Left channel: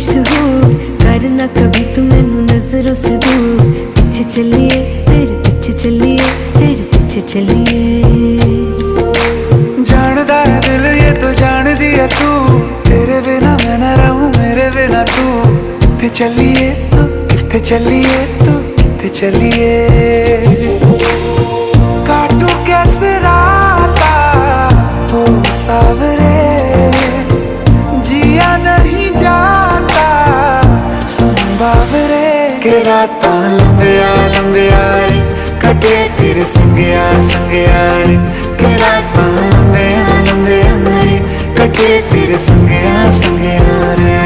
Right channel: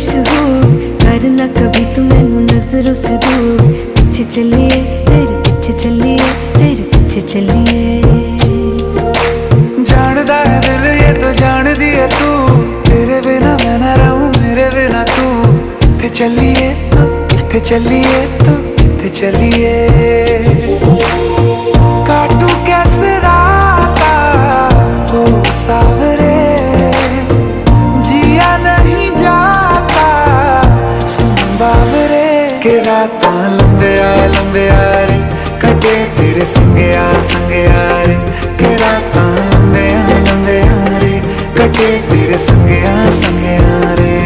मशहूर, करना कभी तू मैनू नजरों से दूर। पीछे चलिए तेरे पीछे चलिए, तेरे पीछे चलिए। जानदा है दिल ये तो जान दिया तू, तेरे बिना मैं ना रहूं मेरे बिना तू। किथे चलिए तू, किथे चलिए तू, किथे चलिए। काटू कैसे राता हो सावरे, जिया नहीं जाता सुन बावरे। के रातां लंबिया लंबिया रे, कटे तेरे संगया संगया रे। के रातां लंबिया लंबिया रे, कटे तेरे संगया संगया रे।